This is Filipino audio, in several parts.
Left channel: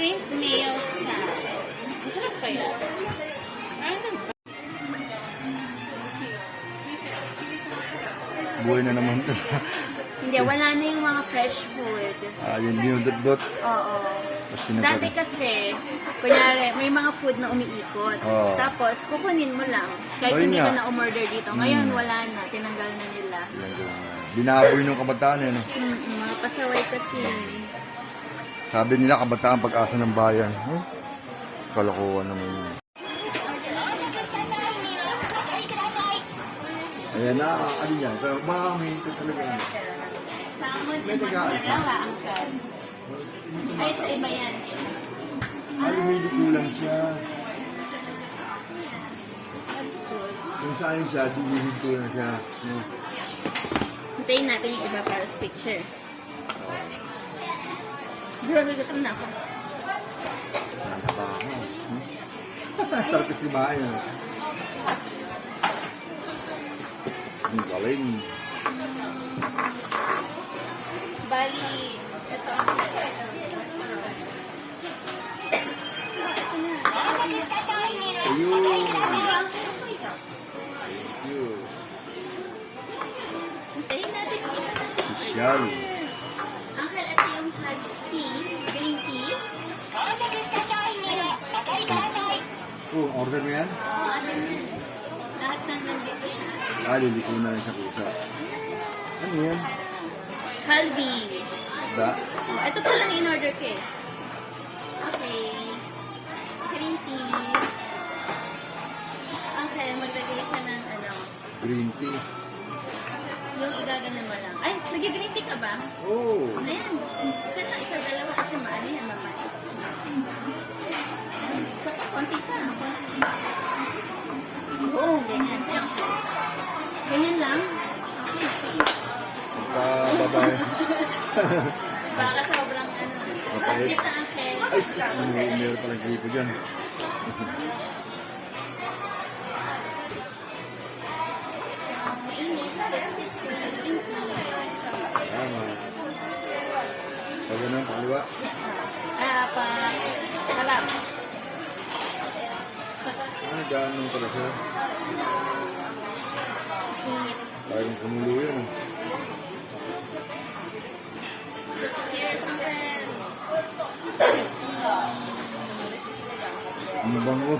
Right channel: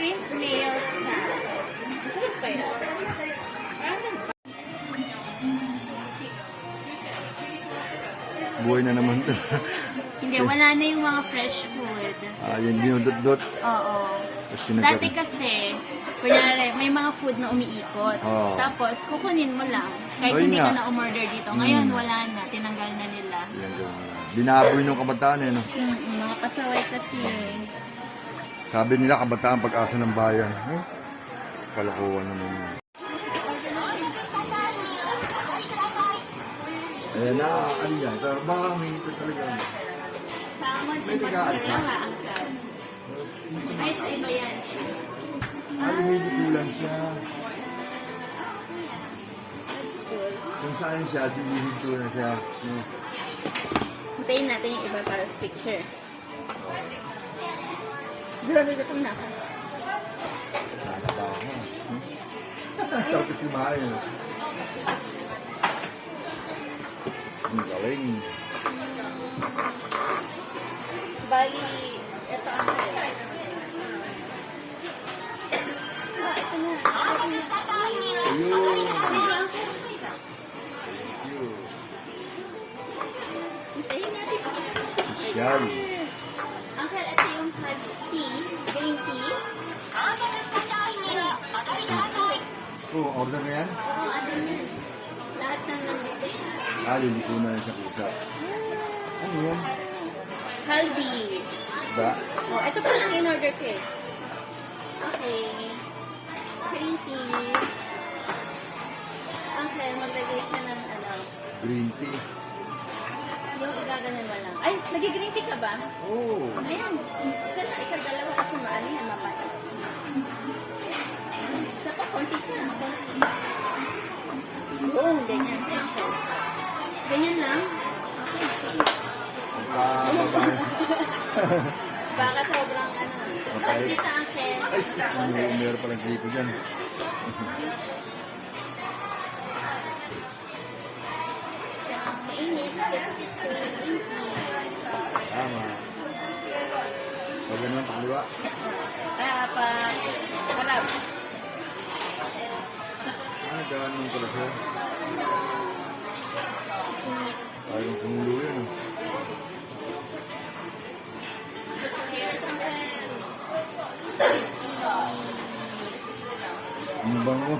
Shrimp nail salad. Masarap pa yan. Buhay na naman to. Hindi, wala na yung mga fresh food. Yun yung dot-dot. Oo. Tapos Dati kasi, kunyari, may mga food na umiikot. Oo. Tapos, kukunin mo lang. Kahit Ayun hindi nga. ka na umorder dito. Ngayon, wala na. Tinanggal na nila. Binaboy nung kabataan eh, no? Mga pasaway kasi. Sabi nila, kabataan pag-asa ng bayan. Kalokohan naman yun. Ayan na, ano yan? Pero baka may ito talaga. Salmon May and nag-aasa. mozzarella, angkat. Ay, sa iba yan. Ay, may kulang siya. That's good. Kung saan siya, dinihinto na siya. No? Hintayin natin yung iba para sa picture. Grabe gutom na ako. Nakakaba. Sarap kasi kumain. Ang galing. Bali, ito ang Ayun. Ayun. hintayin natin yung iba. Sosyal. Uncle, ito yung tea, green tea. Order mo yan? Lahat ng nandito siya. Liliko na rin sa pusa. Ano yan? Kalbi. Isda? Oh, ito pa lang in-order ko eh. Okay. Green tea. Okay, maglagay siya ng ano. Green tea. Yung igaganan mo lang. Ay, nag-green tea ka ba? Oh. Ayan. Isa na, isa, dalawa kasi maano yan naman. Isa pa, konti pa. Oo, ganyan. Ganyan lang. Babae. Baka sobrang ano. Mapait. Dito ang Ay, meron palang gripo dyan. Tama. Pag ganun, pakaliwa. Harap. Ganun pala siya. Parang kumulo yun. Ang bango.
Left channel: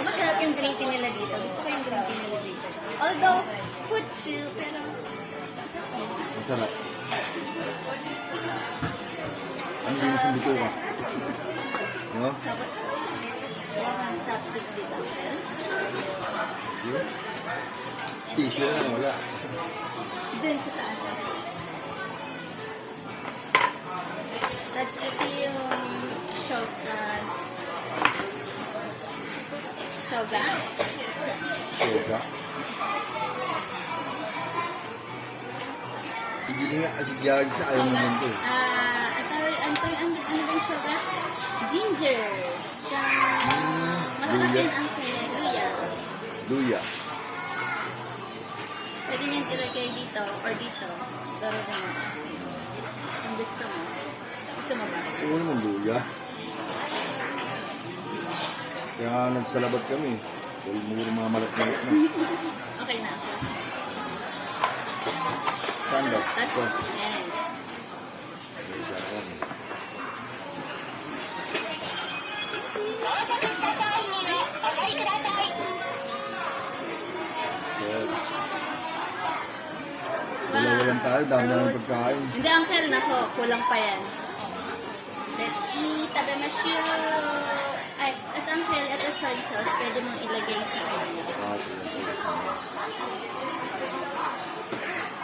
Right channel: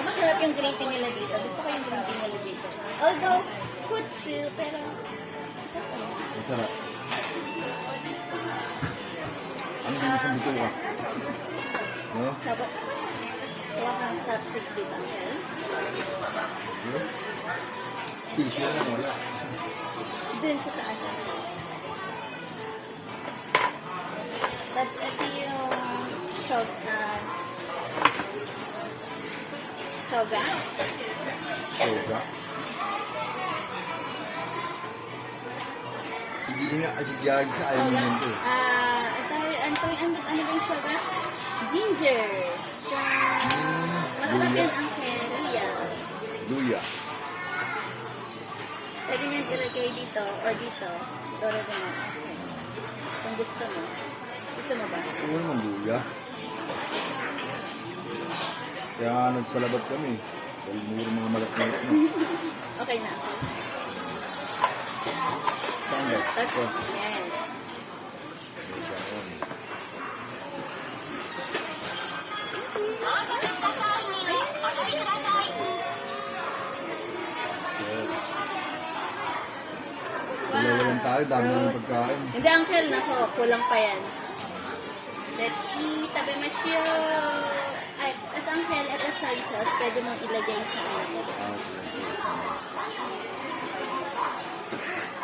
Masarap yung green tea nila dito. Gusto ko yung green tea nila dito. Although, futsu, pero... Masarap. Ano din isang dito ka? No? Sarap. Wala kang chopsticks dito. Yeah. Tissue lang, wala. Doon sa taas. Tapos ito yung shoga. Shoga. Soga. Sige nga, kasi giyag sa ayaw naman to. Ano ba yung shoga? Ginger. Masarap luya. yun ang luya. Luya. Pwede niyang ilagay dito or dito. Pero kung gusto mo. Gusto mo ba? Oo naman, luya. Kaya nagsalabat kami. Dahil muro mga malat-malat na. Okay na ako. Saan ba? Tapos, yan. Dalawalan tayo, dami na ng pagkain. Hindi, uncle, nako, kulang pa yan. Let's eat, tabemasyo. Ay, as uncle, ito soy sauce, pwede mong ilagay sa ano.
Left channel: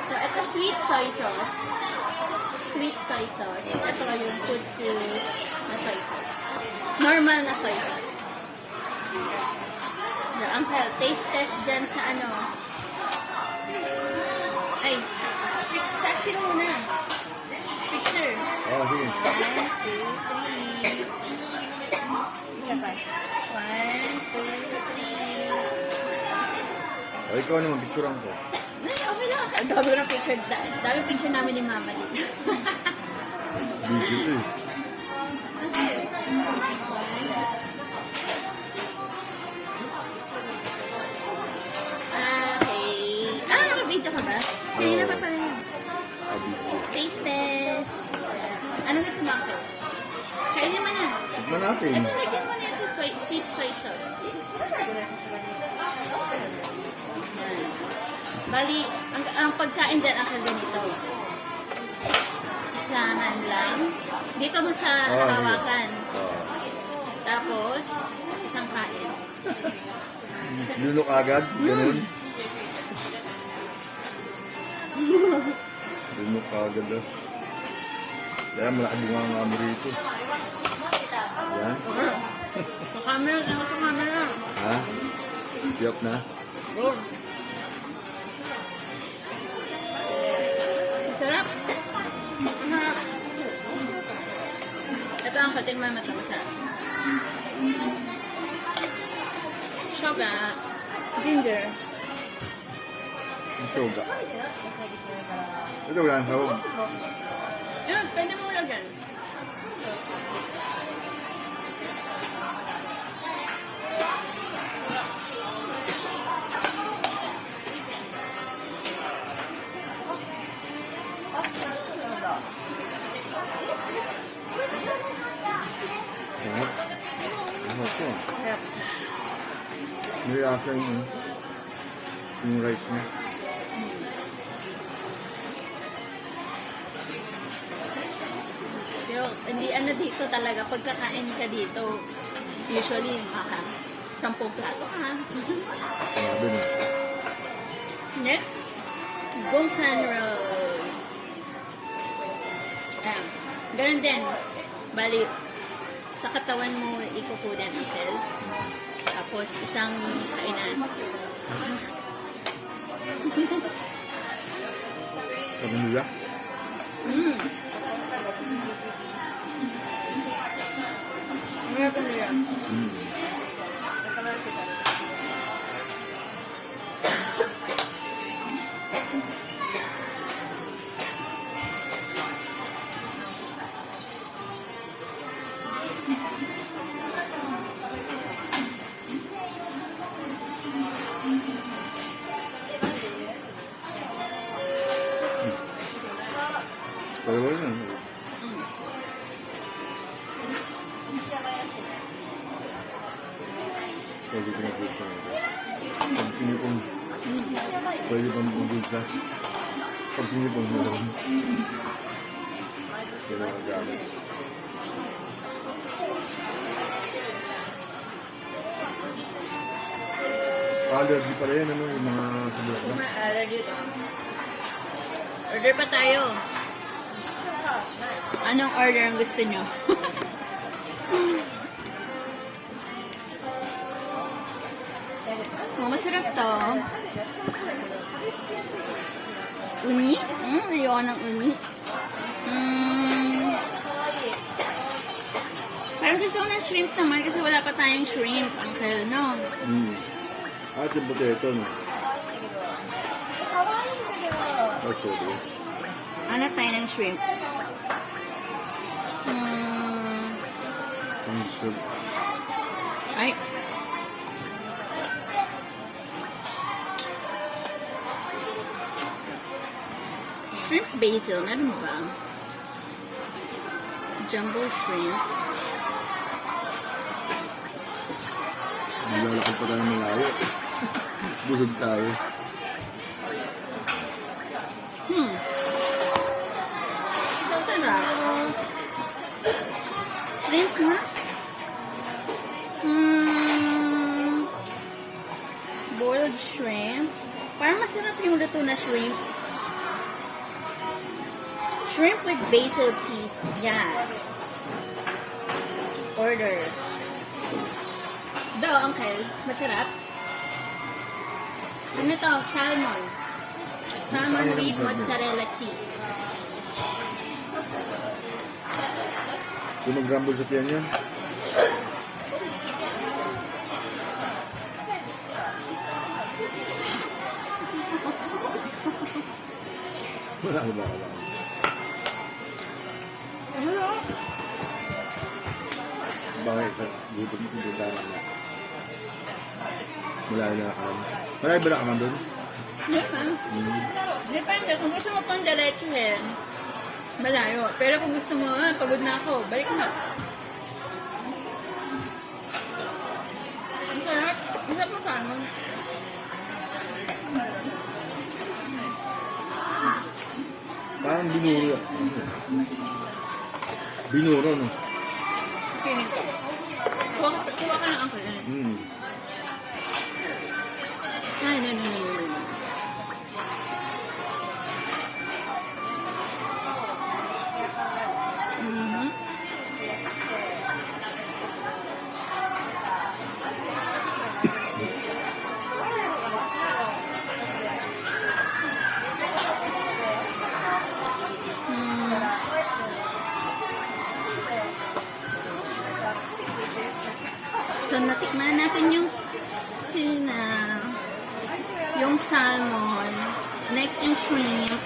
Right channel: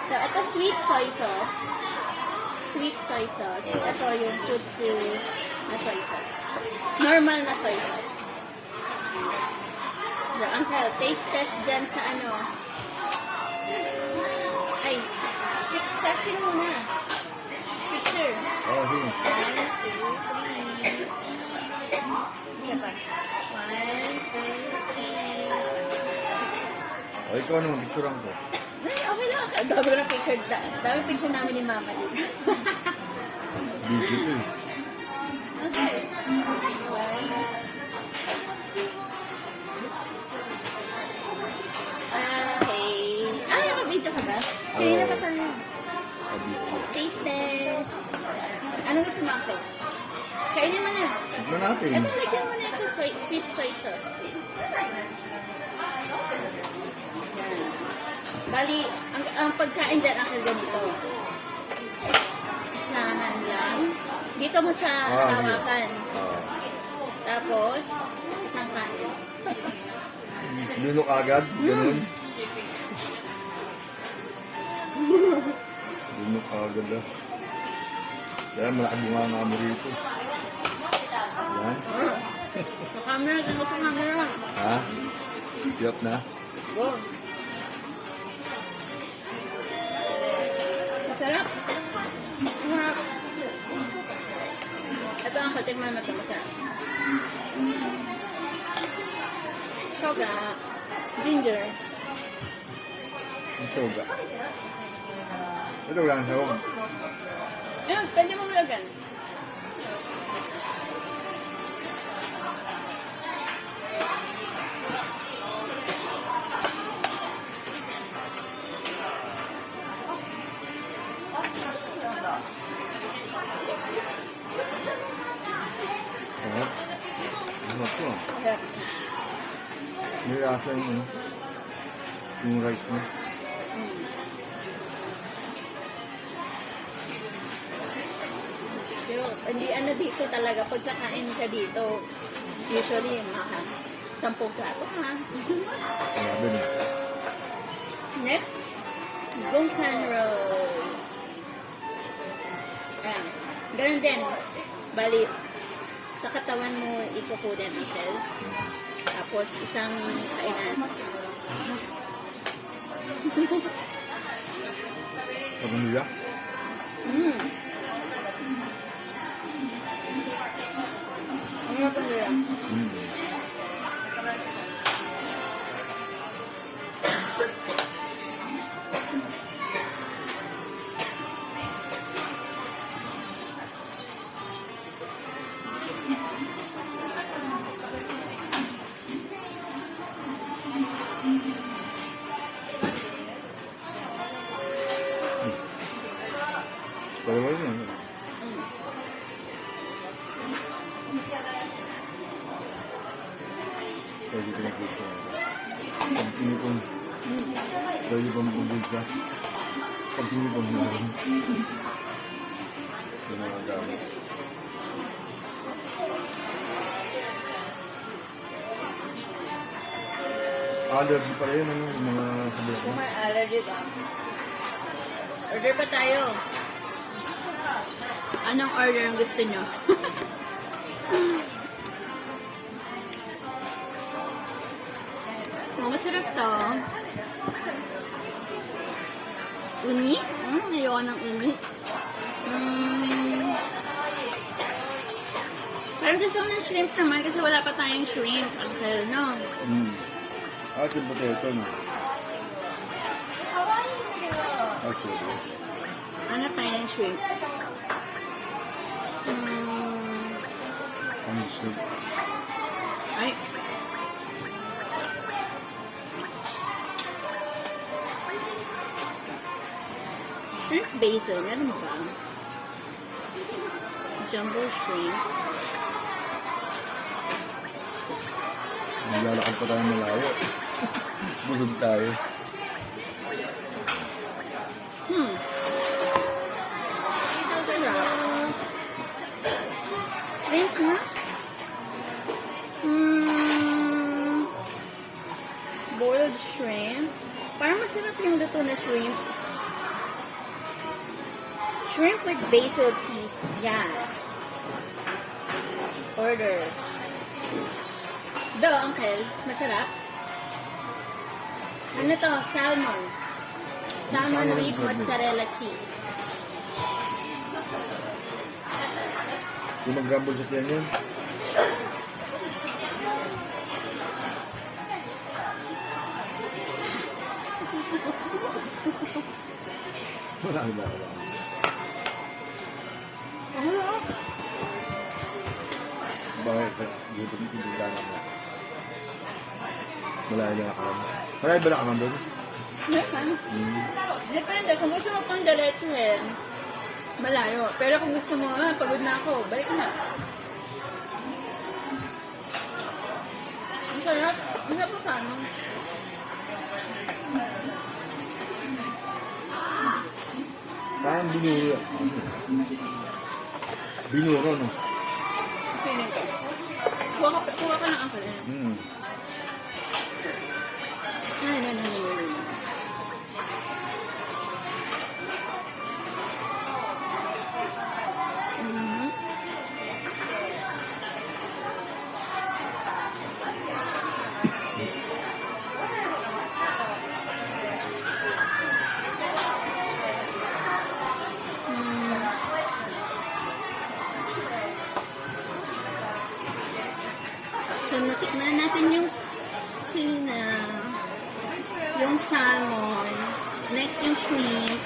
So, ito sweet soy sauce. Sweet soy sauce. Ito yung futsu na soy sauce. Normal na soy sauce. So, uncle, taste test dyan sa ano. Ay, session muna. Picture. Oh, here. 1, 2, 3. Isa pa. 1, 2, 3. O, ikaw naman, picturean ko. Okay lang. Ang dami na picture. Dami picture namin ni mama dito. Video to eh. Kainin mo na. Tikman natin. Ito, lagyan mo na ito sweet soy sauce. Bali, ang pagkain dyan ako ganito. Isangan lang. Dito mo sa tawakan. Tapos, isang kain. Lunok agad, ganun. Lunok agad ah. Kaya malaki bunga nga mo rito. Yan. Camera, ano sa camera? Ha? Tiyap na. Go. Sarap. Sarap. Ito ang katingman matangsa. Sugar. Ginger. Ito ga. Ito wala ang sawag. Yan, pwede mo lagyan. Sarap. Sarap po. Sarap. May asa yung rice niya. Hindi ano dito talaga, pagkakain ka dito, usually mga 10 plato ka. Sabi niya. Next, Gongkan roll. Ayan. Ganun din. Bali, sa katawan mo ikukudan ito. Tapos isang kainan. Sabi niya. Mm. Ano ba nila? Dalawa na. Pwede ko na gusto. Pag sinipong, pwede pang bubulsa. Pag sinipong meron. Yan ang gamit. Allergy pala yan, ano, yung mga sabihan na. Allergy ka. Order pa tayo. Anong order ang gusto nyo? So, masarap to. Uni? Ayoko ng uni. Pero gusto ko ng shrimp naman kasi wala pa tayong shrimp. Uncle, no? At yung potato, no? Ay, sorry. Hanap tayo ng shrimp. Ang soup. Ay. Shrimp basil, meron ba? Jumbo shrimp. Maglalakad pa tayo malayo. Busog tayo. Sarap. Shrimp na? Boiled shrimp. Parang masarap yung luto na shrimp. Shrimp with basil cheese. Yes. Order. Do, Uncle. Masarap. Ano to? Salmon. Salmon with mozzarella cheese. Yung nag-rumble sa tiyan yun. Wala ba? Wala. Bakit? Gutom ko din lang. Malayo na ako. Malayo ba na ka man doon? Depende. Kung gusto mo pang diretsuhin, malayo. Pero kung gusto mo, pagod na ako, balik na. Binura. Binura, no? Piling ko. Kuha ka ng ako. Hmm. Ay. Mhm. So, natikman natin yung tuna, yung salmon, next yung shrimp.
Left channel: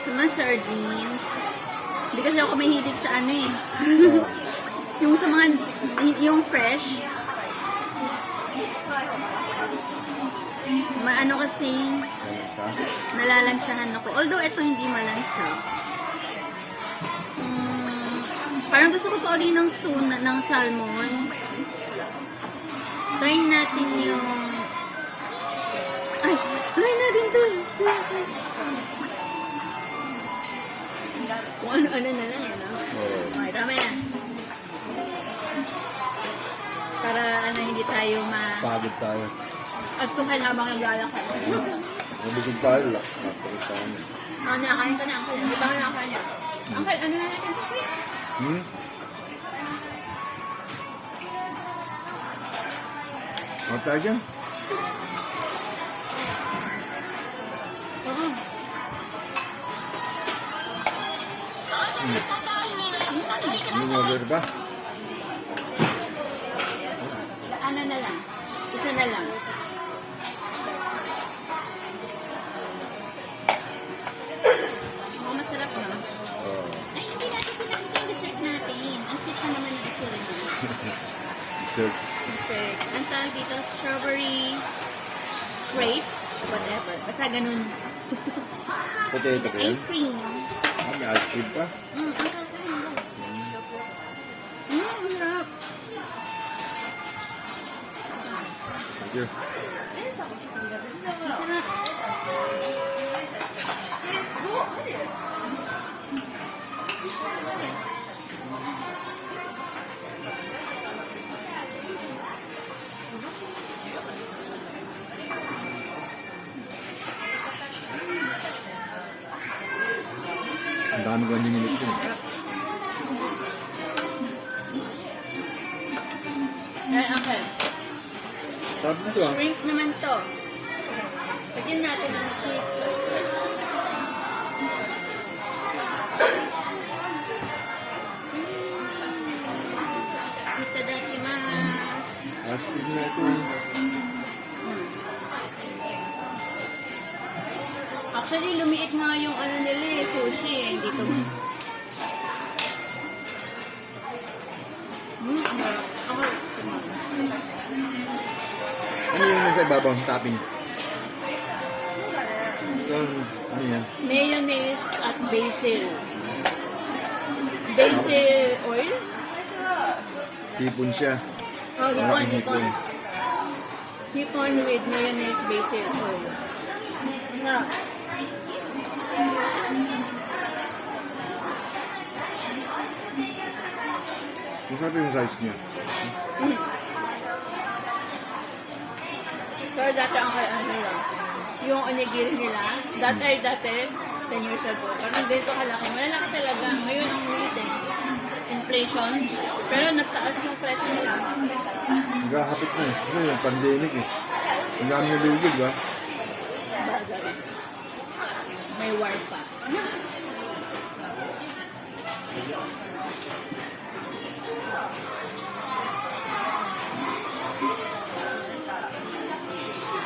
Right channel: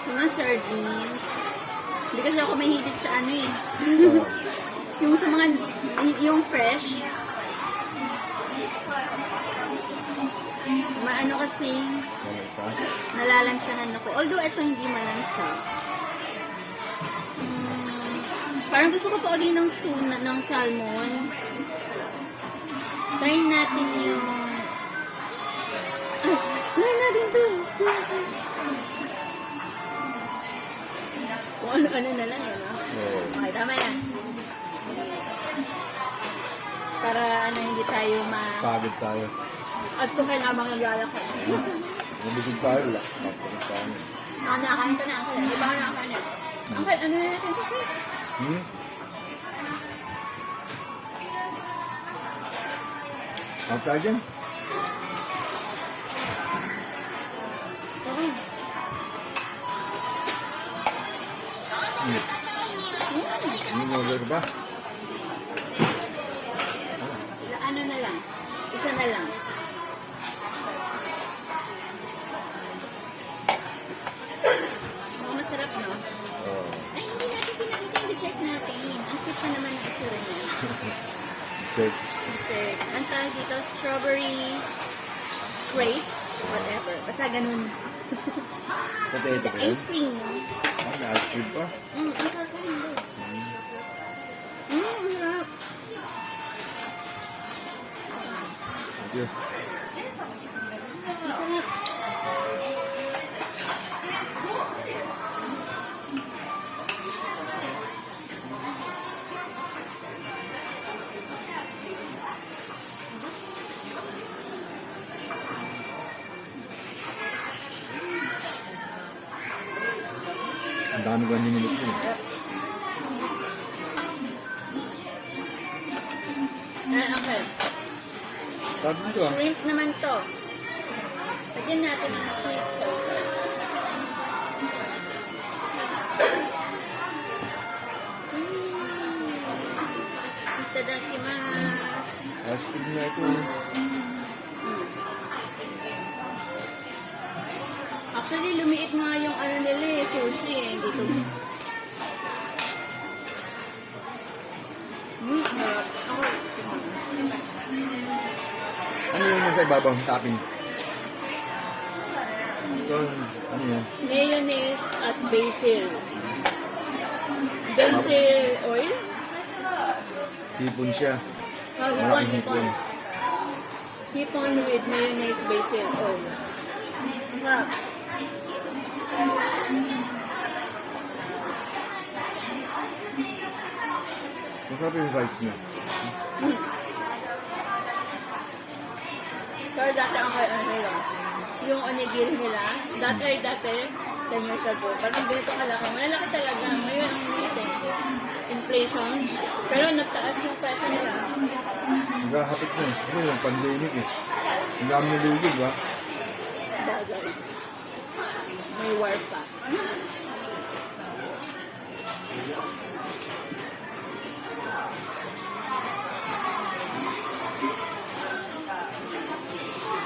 So, mga sardines. Hindi kasi ako mahilig sa ano eh. Yung sa mga, yung fresh. Maano kasi, Malansa. nalalansahan ako. Although, ito hindi malansa. Parang gusto ko pa uli ng tuna, ng salmon. Try natin yung... Ay! Try natin to! Kung ano-ano na lang, ano? Oo. Okay, tama yan. Para ano, hindi tayo Pagod tayo. At kung kailangan mga lalakad. Nabusog tayo. Lapagod tayo. Nakakain ka na. Hindi ba ako nakakain yan? Okay, ano na natin? Hmm? Ano tayo dyan? Oo. Yung order ba? Ano na lang? Isa na lang. Oh, masarap no? Oo. Ay, hindi natin pinakita yung dessert natin. Ang cute na naman ang itsura niya. Dessert. Dessert. Ang tawag dito, strawberry grape. Whatever. Basta ganun. Potato ba yun? Ice cream. Ah, may ice cream pa? Ang sarap naman. Sarap. Thank you. Sarap. Ang dami ko hindi minute yun. Ay, okay. Sabi nito ah. Shrimp naman to. Lagyan natin ng sweet sauce. Itadakimasu. Ice cream na ito. Actually, lumiit nga yung ano nila eh, sushi eh. Hindi ko Ano yung nasa ibabaw ng topping? Ito, ano yan? mayonnaise at basil. Basil oil? Hipon siya. Oh, Malaking hipon. Hipon with mayonnaise basil oil. Nga. Masarap yung size niya. Pero dati ang ano yun, yung onigiri nila, dati, 10 years ago, parang ganito kalaki, malaki talaga. Ngayon, ang natin, inflation, pero nagtaas yung price nila. Nagkakapit na eh. Ano yung pandemic eh. Ang dami nalugod ba? May war pa.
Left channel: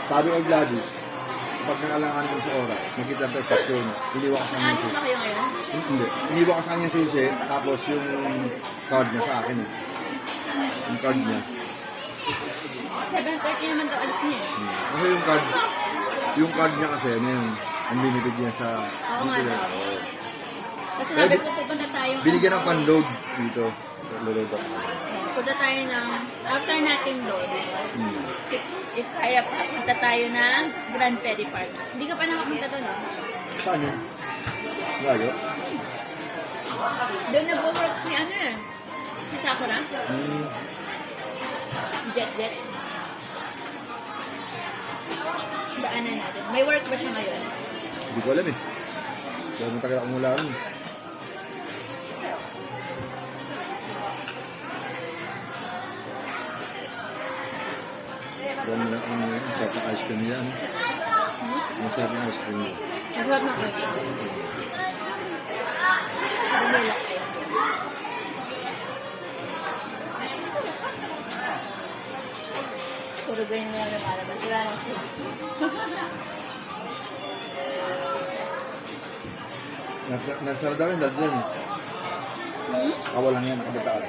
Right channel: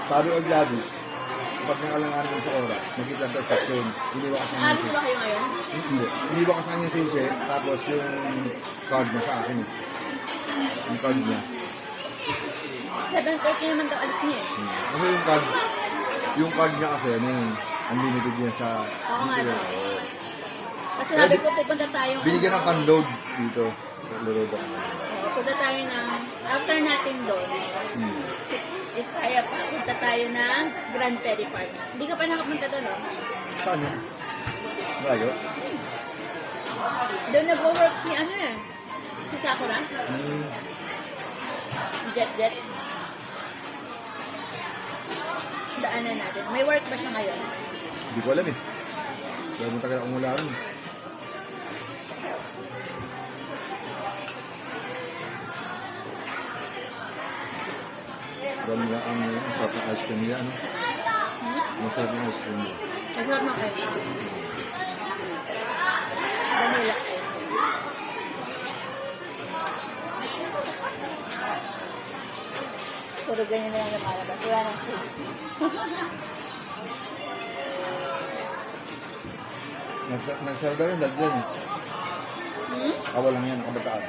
Sabi ko Gladys, pag nakalangan mo sa oras, makita pa sa station, iniwa ka sa kanya Alis susi. ba kayo ngayon? Hindi. Iniwa ka sa kanya susi, tapos yung card niya sa akin eh. Yung card niya. 7:30 naman daw alis niya eh. Kasi yung card niya kasi, ano yun, unlimited niya sa... Ako nga dito. daw. Oo. Kasi sabi ko pupunta tayo. Binigyan ng pan-load dito. Load ako. punta tayo ng, after natin doon, if kaya pa, punta tayo ng Grand Ferry Park. Hindi ka pa nakapunta doon, no? Paano? Layo? Doon nag-work si ano eh. Si Sakura. Jet. Daanan natin. May work ba siya ngayon? Hindi ko alam eh. Kaya mo tagal akong wala rin. Ganun lang ang masarap na ice cream niya. Ano? Masarap yung ice cream niya. Nag-work na kayo. Vanilla. Puro ganyan na lang yung alabas. Wala nang sweets. Nagsara daw yung dagyan eh. Awa lang yan, nakabataan.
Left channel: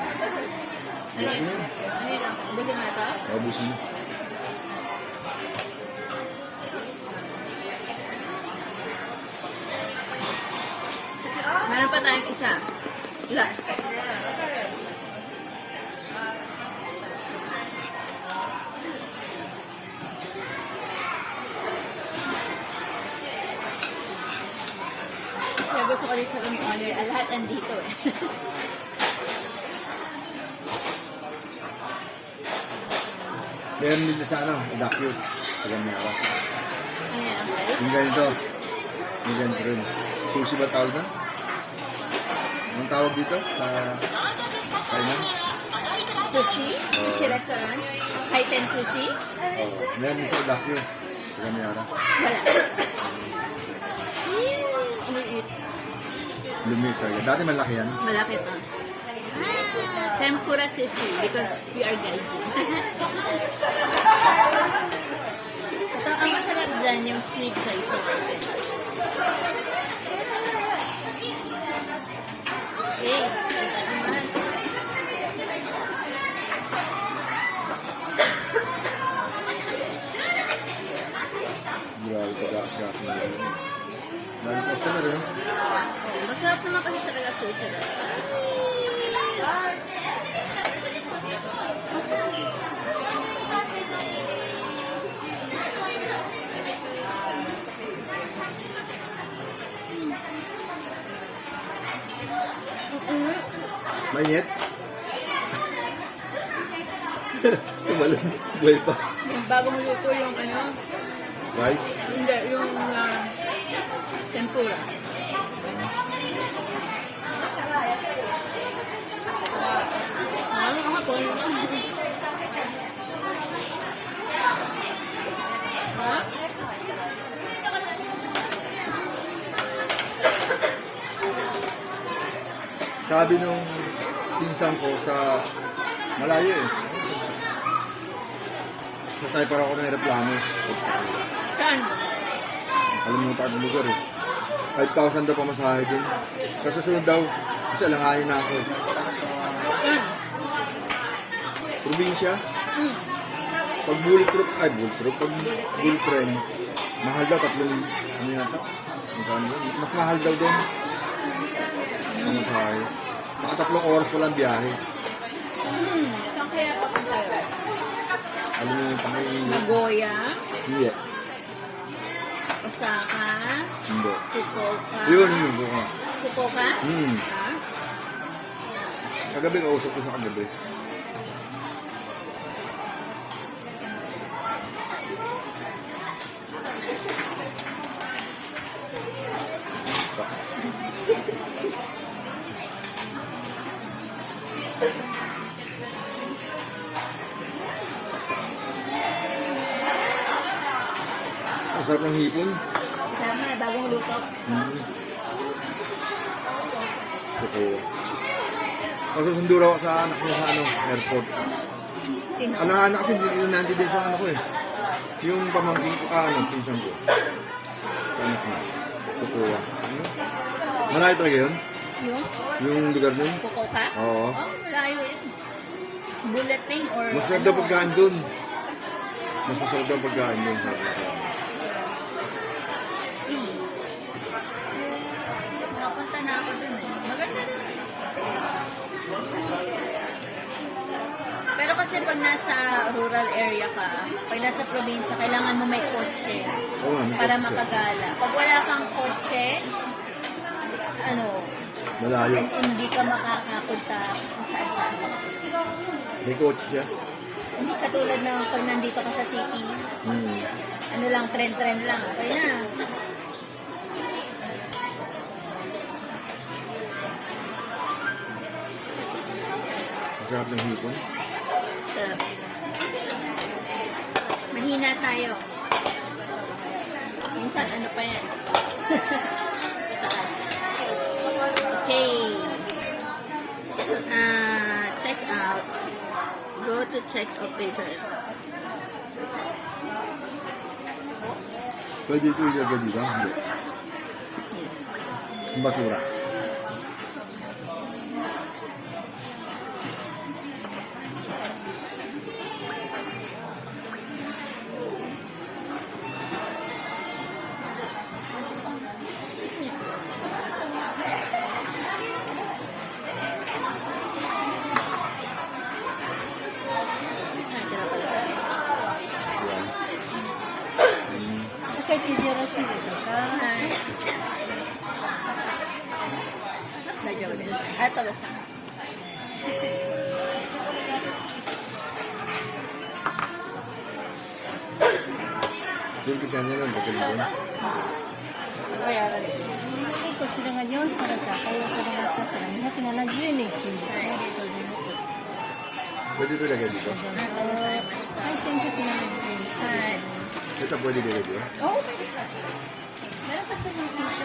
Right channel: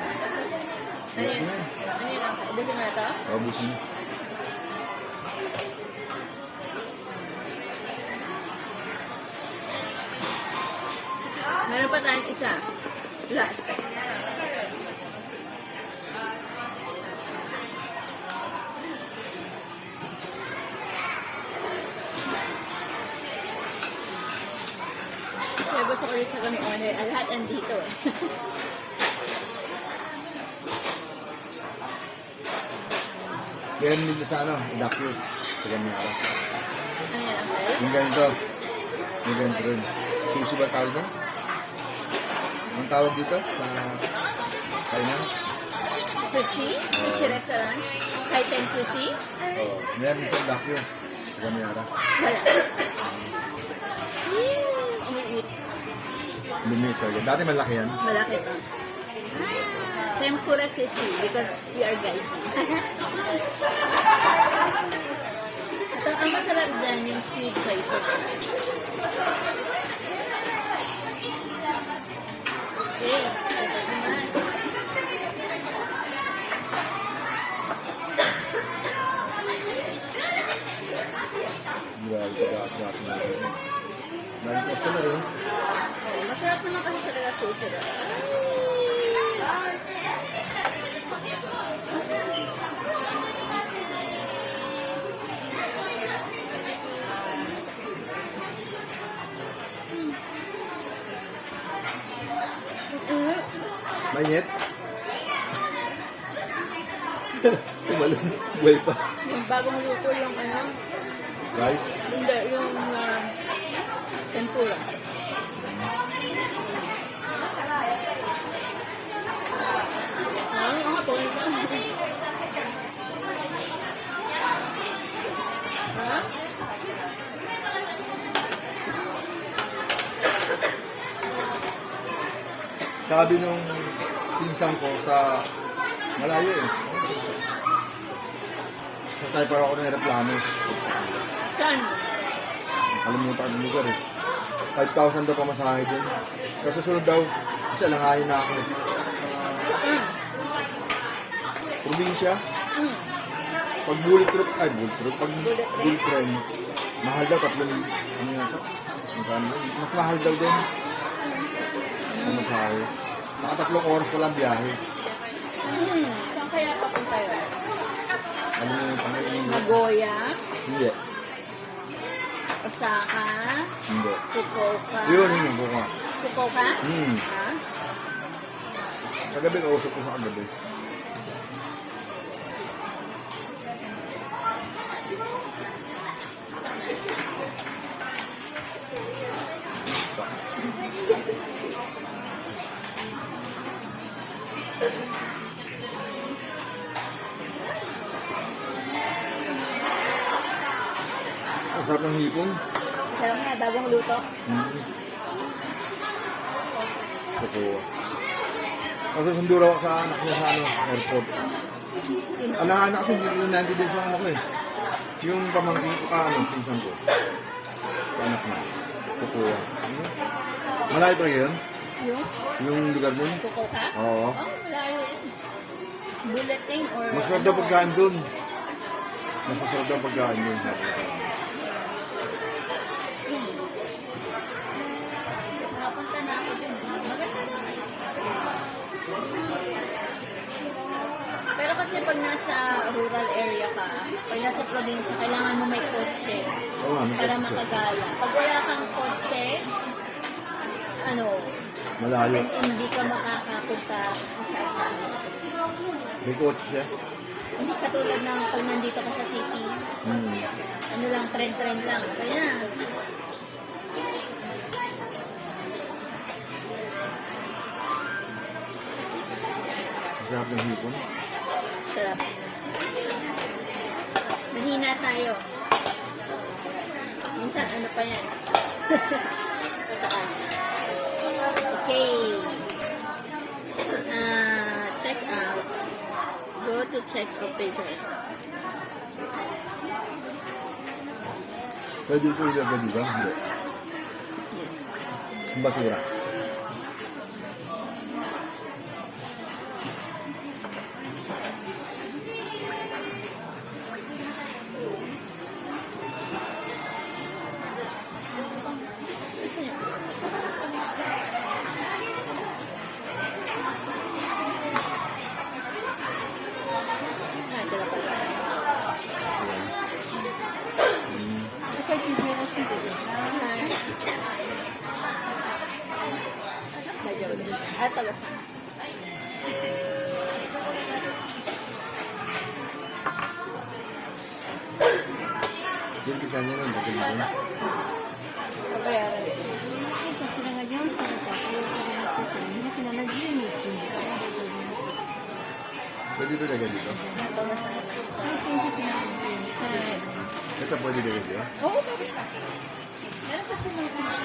Busin na yan. Ubusin mo ito? Busin na. Meron pa tayong isa. Last. Kaya gusto ko rin sa kami order. Lahat andito eh. Meron din sa ano, idakyo. Sa Gamyara. Ano yan ang price? Yung ganito. Yung ganito rin. Sushi ba tawag na? Anong tawag dito? Sa Kainan? Sushi? Sushi restaurant? Kaiten sushi? Oo. Meron din sa idakyo. Sa Gamyara. Wala. Iniit. Lumit talaga. Dati malaki yan. Malaki pa. Tempura sushi because we are gaijin. Ito, ang masarap dyan yung sweet soy sauce. Okay. Grabe pag-aas-gas na rin. Dahil po na rin. Masarap naman kasi talaga sushi. Mainit? Tumalun. Buhay pa. Yung bago maluto yung ano, Rice? hindi, yung tempura. Ha? Sabi nung pinsan ko sa malayo eh. Sasay para ako ng aeroplano. Saan? Alam mo pa ang lugar eh. 5,000 daw pamasahe dun. Kasi sunod daw, kasi alanganin na ako eh. Saan? Probinsya, pag bullet trip, pag bullet train, mahal daw, 3,000, ano yata? Mas mahal daw doon. Pamasahe. Naka 3 oras pa lang biyahe. Saan kaya papunta yun? Alam mo yung pangyayin. Nagoya? Hindi. Osaka? Hindi. Fukuoka? Yun ko nga. Fukuoka? Ha? Kagabi, kausap ko sa kagabi. Ang sarap ng hipon. Alam na, bagong luto. Totoo. Kasi sundo raw ako sa anak niya sa airport. Sino? Anak kasi yung nandiyan din sa ano ko eh. Yung pamangkin ko pinsan ko. Sa anak niya. Totoo. Malayo talaga yun? Yung? Yung lugar nun? Fukuoka? Oo. Oh, malayo yun. Bullet train or... Masarap daw pagkain dun. Masarap daw pagkain dun. Sabi ko. Napunta na ako dun eh. Maganda dun. Kasi pag nasa rural area ka, pag nasa probinsya, kailangan mo may kotse Oo nga, may para kotse. makagala. Pag wala kang kotse, ano, Malayo. hindi ka makakapunta kung saan. May coach siya. Hindi katulad ng kung nandito ka sa city, Hmm. ano lang, trend-trend lang. Okay na. Masarap ng hipon. Sarap. Mahina tayo. Minsan, ano pa yan? Okay. Check out. Go to check officer. Pwede ito ilagay dito? Hindi. Yes. Ang basura. Yan. Hmm. Ito lasa. Yung kita niya lang, bakit yun? Pwede ito ilagay dito? Ito lasa. Ito pwede ilagay dito? Oo, pwede pa. Meron kasi ng sushi